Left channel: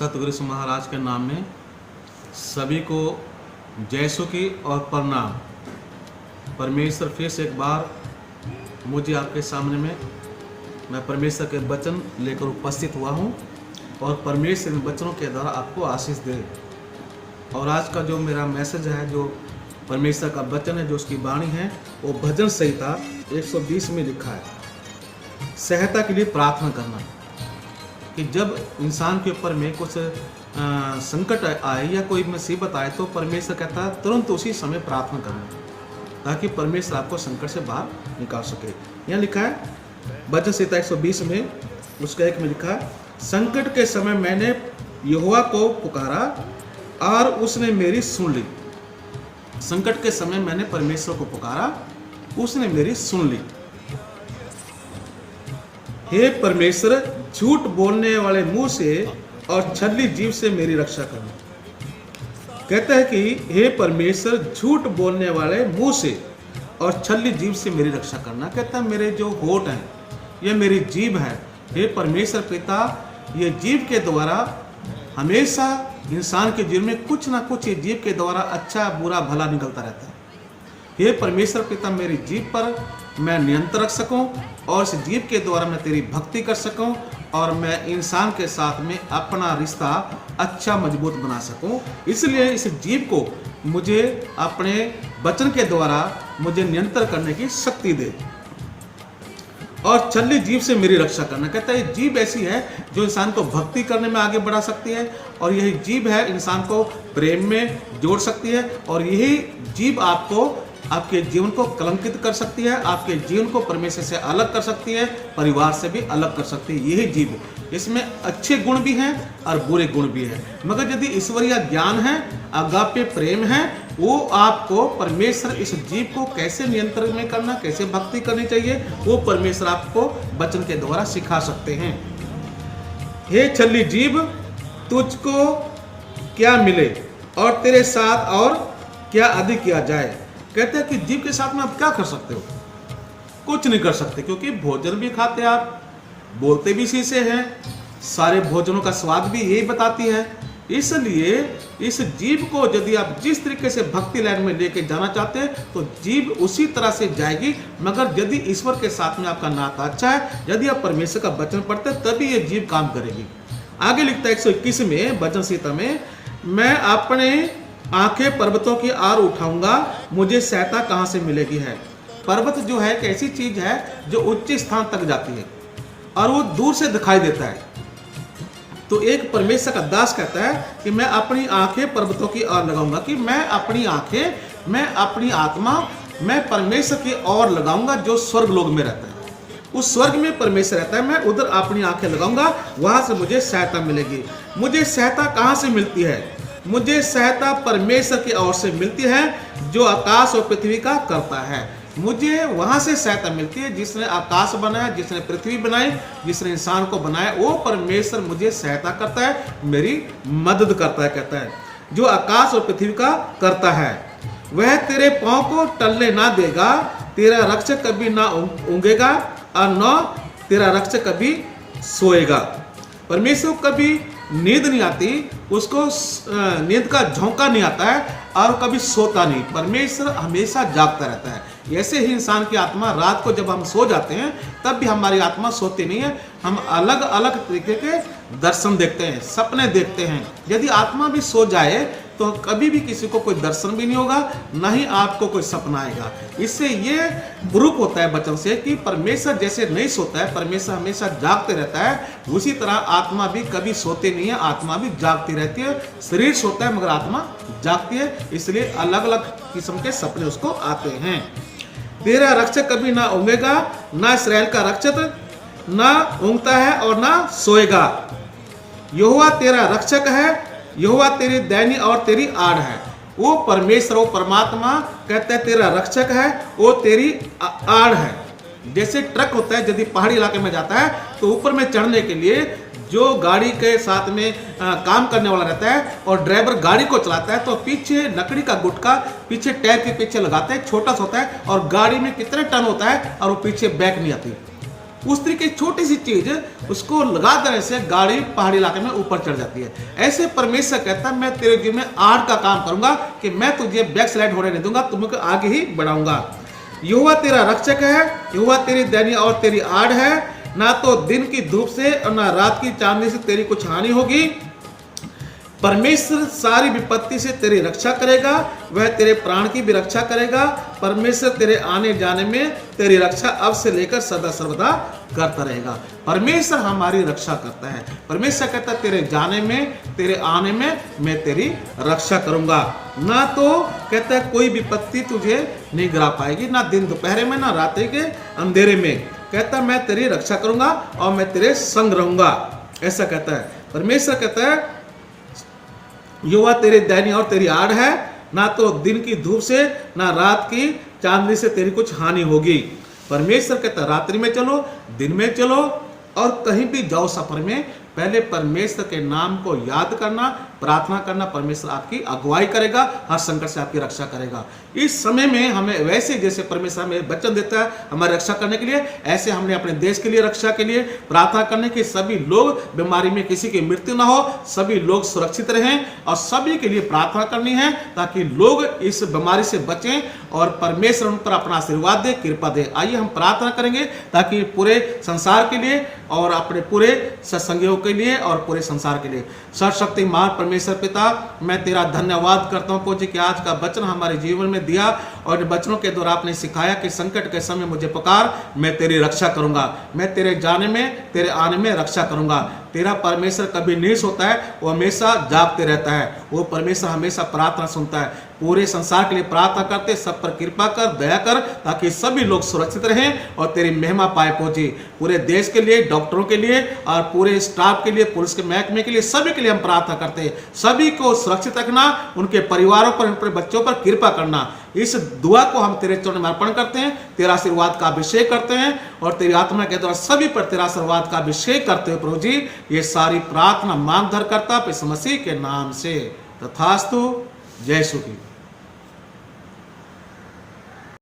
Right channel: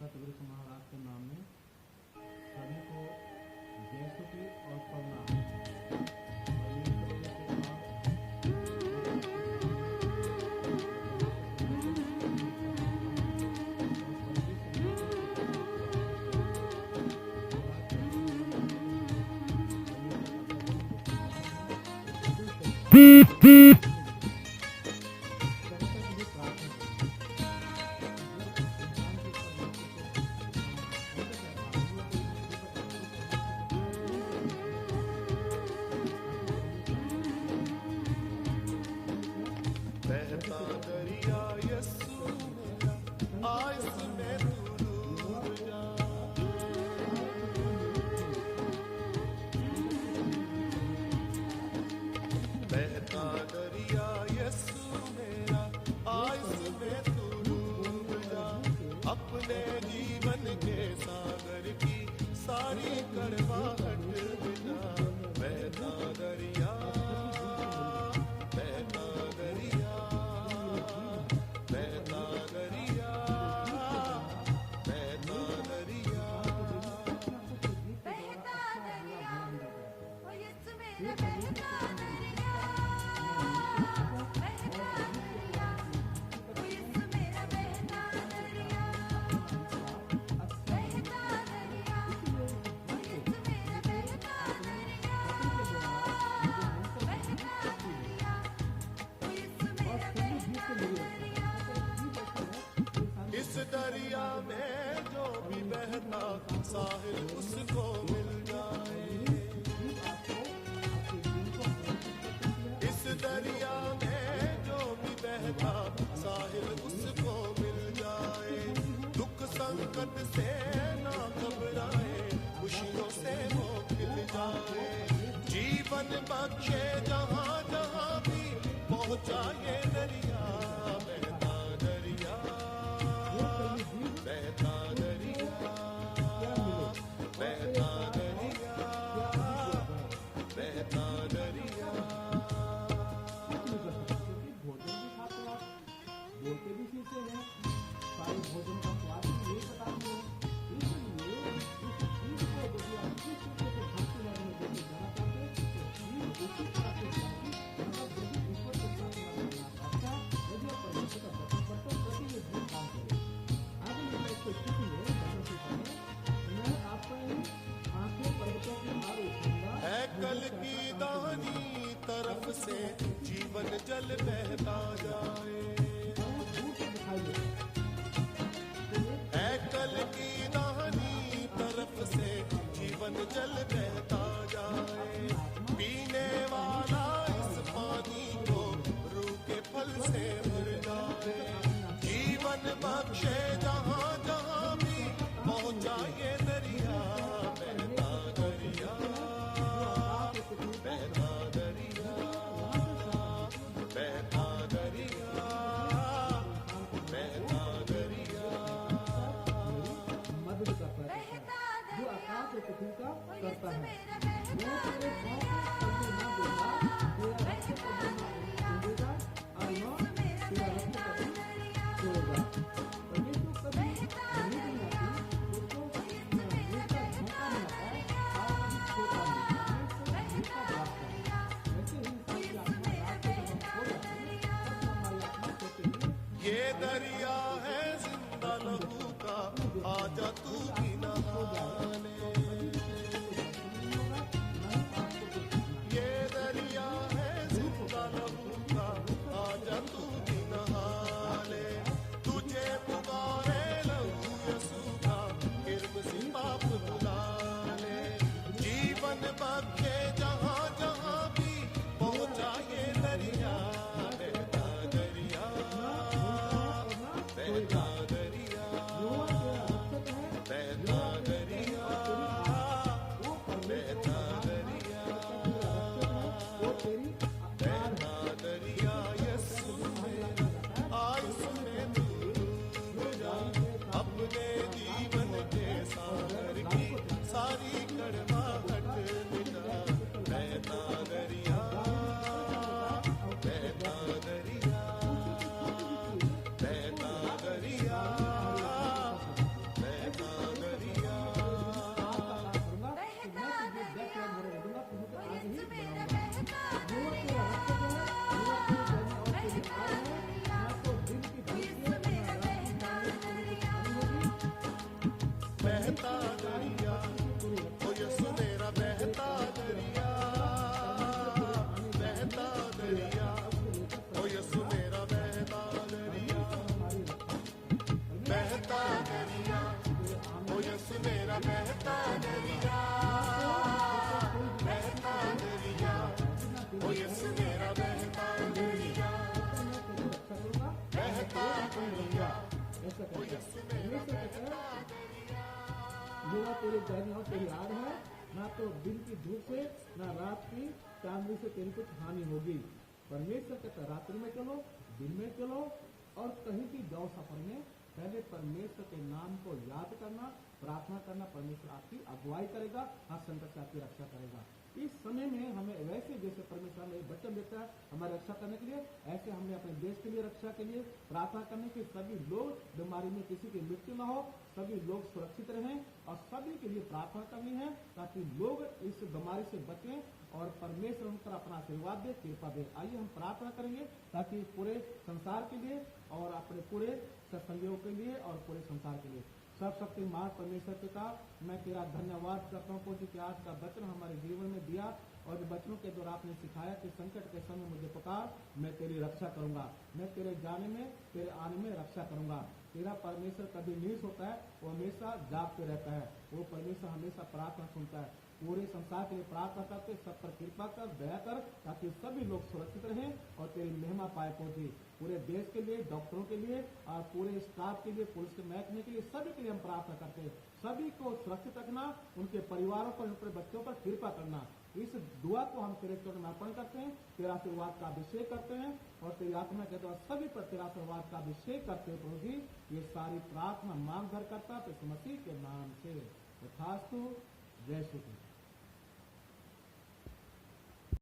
सतगुरु जी महाराज के नाम में सभी को जय सो की और प्रणाम। परमेश्वर फिर से एक बार मुझे आपके सामने में मैं परमेश्वर के वचन लेकर उपस्थित हुआ हूँ और परमेश्वर इन वचनों के द्वारा आपको आशीष दे। और आज का जो मेरा मैसेज है, जो परमेश्वर का वचन है, जो उसकी वाणी है, वो भजन संहिता 120 में लिखा है, सहायता के लिए प्रार्थना करना। कि जब इंसान के ऊपर में कुछ संकट आए या कोई मुसीबत आए तो परमेश्वर कहता है तुरंत उसी समय प्रार्थना करना, ताकि परमेश्वर आपको संकट से बाहर निकाल सके। यहाँ लिखा है भजन संहिता 120 में उसका एक में लिखा है, संकट के समय मैंने यहोवा को पुकारा और उसने मेरी सुन ली। संकट के समय मैंने परमेश्वर को पुकारा, उसने मेरी सुन ली। हे परमेश्वर, झूठ बोलने वाले मुंह से और छली जीभ से मेरी रक्षा करना। कहता है कि हे परमेश्वर, झूठ बोलने वाले मुंह से और छली जीभ से मेरी रक्षा करना। कहता है मेरे जो होठ हैं, ये मेरी जीभ है, हे परमेश्वर पिता, ये जीभ के द्वारा हमेशा इंसान के जीवन में कुछ ना कुछ ये जीभ के द्वारा अच्छा बुरा भला निकलता रहता है। हे परमेश्वर पिता, मेरी जीभ पर मैं नियंत्रण रख सकूं और इस जीभ के द्वारा मैं तेरी भक्ति कर सकूं और मैं इंसान के साथ में अपना रिश्ता अच्छा मजबूत बना सकूं। इसलिए इस जीभ को मुझे अपने वचन के द्वारा मुझे नियंत्रण करने की शक्ति दे और छली जीभ से मेरी रक्षा करना। कहता है जीभ ऐसी है जो इंसान को भक्ति करने में आगे बढ़ा सकती है और यही जीभ है इंसान को प्रेम में जोड़ सकती है और यही जीभ आपको आपके जीवन को कलंकित कर सकती है, आपके जीवन को परमेश्वर से अलग कर सकती है, परिवार से भी अलग कर सकती है। यही जीव, इसमें अच्छे गुण भी हैं और बुरे गुण भी हैं, मगर यदि ईश्वरीय ज्ञान है, अगापे प्रेम है, वो आपको परमेश्वर इस जीव को कैसे नियंत्रण में करना, कैसे भक्ति करनी चाहिए, वो परमेश्वर आपको वचन के द्वारा सिखा सकते हैं। हे छली जीभ, तुझको क्या मिले और तेरे साथ और क्या अधिक किया जाए। कहते हैं कि जीभ के साथ में आप क्या कर सकते हो? कुछ नहीं कर सकते, क्योंकि भोजन भी खाते आप, बोलते भी इसी से हैं, सारे भोजनों का स्वाद भी यही बताती है। इसलिए इस जीभ को यदि आप जिस तरीके से भक्ति लाइन में लेके जाना चाहते हैं तो जीभ उसी तरह से जाएगी, मगर यदि ईश्वर के साथ में आपका नाता अच्छा है, यदि आप परमेश्वर का वचन पढ़ते हैं, तभी ये जीभ काम करेगी। आगे लिखता है 121 में भजन संहिता में, मैं अपने आंखें पर्वतों की ओर उठाऊंगा, मुझे सहायता कहां से मिलेगी है। पर्वत जो है एक ऐसी चीज है जो उच्च स्थान तक जाती है और वो दूर से दिखाई देता है। तो एक परमेश्वर का दास कहता है कि मैं अपनी आंखें पर्वतों की ओर लगाऊंगा, कि मैं अपनी आंखें, मैं अपनी आत्मा, मैं परमेश्वर की ओर लगाऊंगा जो स्वर्ग लोक में रहता है। उस स्वर्ग में परमेश्वर रहता है, मैं उधर अपनी आंखें लगाऊंगा, वहां से मुझे सहायता मिलेगी। मुझे सहायता कहां से मिलती है? मुझे सहायता परमेश्वर की ओर से मिलती है जो आकाश और पृथ्वी का करता है। मुझे वहां से सहायता मिलती है जिसने आकाश बनाया, जिसने पृथ्वी बनाई, जिसने इंसान को बनाया, वो परमेश्वर मुझे सहायता करता है, मेरी मदद करता है। कहता है जो आकाश और पृथ्वी का करता है वह तेरे पांव को टलने ना देगा, तेरा रक्षक कभी ना ऊँगेगा और न तेरा रक्षक कभी सोएगा। परमेश्वर को कभी नींद नहीं आती, उसको नींद का झोंका नहीं आता है और कभी सोता नहीं। परमेश्वर हमेशा जागता रहता है। ऐसे ही इंसान की आत्मा रात को जब हम सो जाते हैं तब भी हमारी आत्मा सोती नहीं है, हम अलग अलग तरीके के दर्शन देखते हैं, सपने देखते हैं। यदि आत्मा भी सो जाए तो कभी भी किसी को कोई दर्शन भी नहीं होगा, ना ही आपको कोई सपना आएगा। इससे ये प्रूफ होता है वचन से कि परमेश्वर जैसे नहीं सोता है, परमेश्वर हमेशा जागते रहता है, उसी तरह आत्मा भी कभी सोते नहीं है, आत्मा भी जागती रहती है। शरीर सोता है मगर आत्मा जागती है, इसलिए अलग अलग किस्म के सपने उसको आते हैं। तेरा रक्षक कभी ना ऊँगेगा, ना इसराइल का रक्षक ना ऊँगता है और ना सोएगा। यहोवा तेरा रक्षक है, यहोवा तेरी दैनी और तेरी आड़ है। वो परमेश्वर, वो परमात्मा कहता है तेरा रक्षक है, वो तेरी आड़ है। जैसे ट्रक होता है, यदि पहाड़ी इलाके में जाता है तो ऊपर में चढ़ने के लिए जो गाड़ी के साथ में काम करने वाला रहता है और ड्राइवर गाड़ी को चलाता है, तो पीछे लकड़ी का गुटका पीछे टायर के पीछे लगाते हैं, छोटा सा होता है और गाड़ी में कितने टन होता है और वो पीछे बैक नहीं आती। उस तरीके की छोटी सी चीज उसको लगा देने से गाड़ी पहाड़ी इलाके में ऊपर चढ़ जाती है। ऐसे परमेश्वर कहता है मैं तेरे जीवन में आड़ का काम करूंगा कि मैं तुझे बैक स्लाइड होने नहीं दूंगा, तुमको आगे ही बढ़ाऊंगा। यहोवा तेरा रक्षक है, यहोवा तेरी दैनी और तेरी आड़ है, ना तो दिन की धूप से और ना रात की चांदनी से तेरी कुछ हानि होगी। परमेश्वर सारी विपत्ति से तेरी रक्षा करेगा, वह तेरे प्राण की भी रक्षा करेगा। परमेश्वर तेरे आने जाने में तेरी रक्षा अब से लेकर सदा सर्वदा करता रहेगा। परमेश्वर हमारी रक्षा करता है। परमेश्वर कहता है तेरे जाने में तेरे आने में मैं तेरी रक्षा करूंगा। ना तो कहता है कोई विपत्ति तुझे नहीं गिरा पाएगी, ना दिन दोपहर में ना रात के अंधेरे में। कहता मैं तेरी रक्षा करूंगा और मैं तेरे संग रहूंगा, ऐसा कहता है। परमेश्वर कहता है यहोवा तेरी दैनी और तेरी आड़ है, ना तो दिन की धूप से ना रात की चांदनी से तेरी कुछ हानि होगी। परमेश्वर कहता रात्रि में चलो, दिन में चलो और कहीं भी जाओ सफर में, पहले परमेश्वर के नाम को याद करना, प्रार्थना करना। परमेश्वर आपकी अगुवाई करेगा, हर संकट से आपकी रक्षा करेगा। इस समय में हमें वैसे जैसे परमेश्वर हमें वचन देता है हमारी रक्षा करने के लिए, ऐसे हमने अपने देश के लिए रक्षा के लिए प्रार्थना करने की, सभी लोग बीमारी में किसी की मृत्यु ना हो, सभी लोग सुरक्षित रहें और सभी के लिए प्रार्थना करनी है ताकि लोग इस बीमारी से बचें और परमेश्वर उन पर अपना आशीर्वाद दे, कृपा दे। आइए हम प्रार्थना करेंगे ताकि पूरे संसार के लिए और अपने पूरे सत्संगियों के लिए और पूरे संसार के लिए। सर्वशक्तिमान परमेश्वर पिता, मैं तेरा धन्यवाद करता हूँ पूज्य कि आज का वचन हमारे जीवन में दिया और इन वचनों के द्वारा आपने सिखाया कि संकट के समय मुझे पुकार, मैं तेरी रक्षा करूंगा, मैं तेरे जाने में तेरे आने में रक्षा करूंगा। तेरा परमेश्वर कभी नहीं सोता है, वो हमेशा जागते रहता है। वो परमेश्वर हमेशा प्रार्थना सुनता है। पूरे संसार के लिए प्रार्थना करते, सब पर कृपा कर, दया कर, ताकि सभी लोग सुरक्षित रहें और तेरी महिमा पाए पहुंचे। पूरे देश के लिए, डॉक्टरों के लिए और पूरे स्टाफ के लिए, पुलिस के महकमे के लिए, सभी के लिए हम प्रार्थना करते हैं। सभी को सुरक्षित रखना, उनके परिवारों पर, उनके बच्चों पर कृपा करना। इस दुआ को हम तेरे चरणों में अर्पण करते हैं, तेरा आशीर्वाद का अभिषेक करते हैं और तेरी आत्मा के द्वारा सभी पर तेरा आशीर्वाद का अभिषेक करते हुए प्रभु जी ये सारी प्रार्थना मांग धर करता यीशु मसीह के नाम से तथास्तु। जय यीशु की।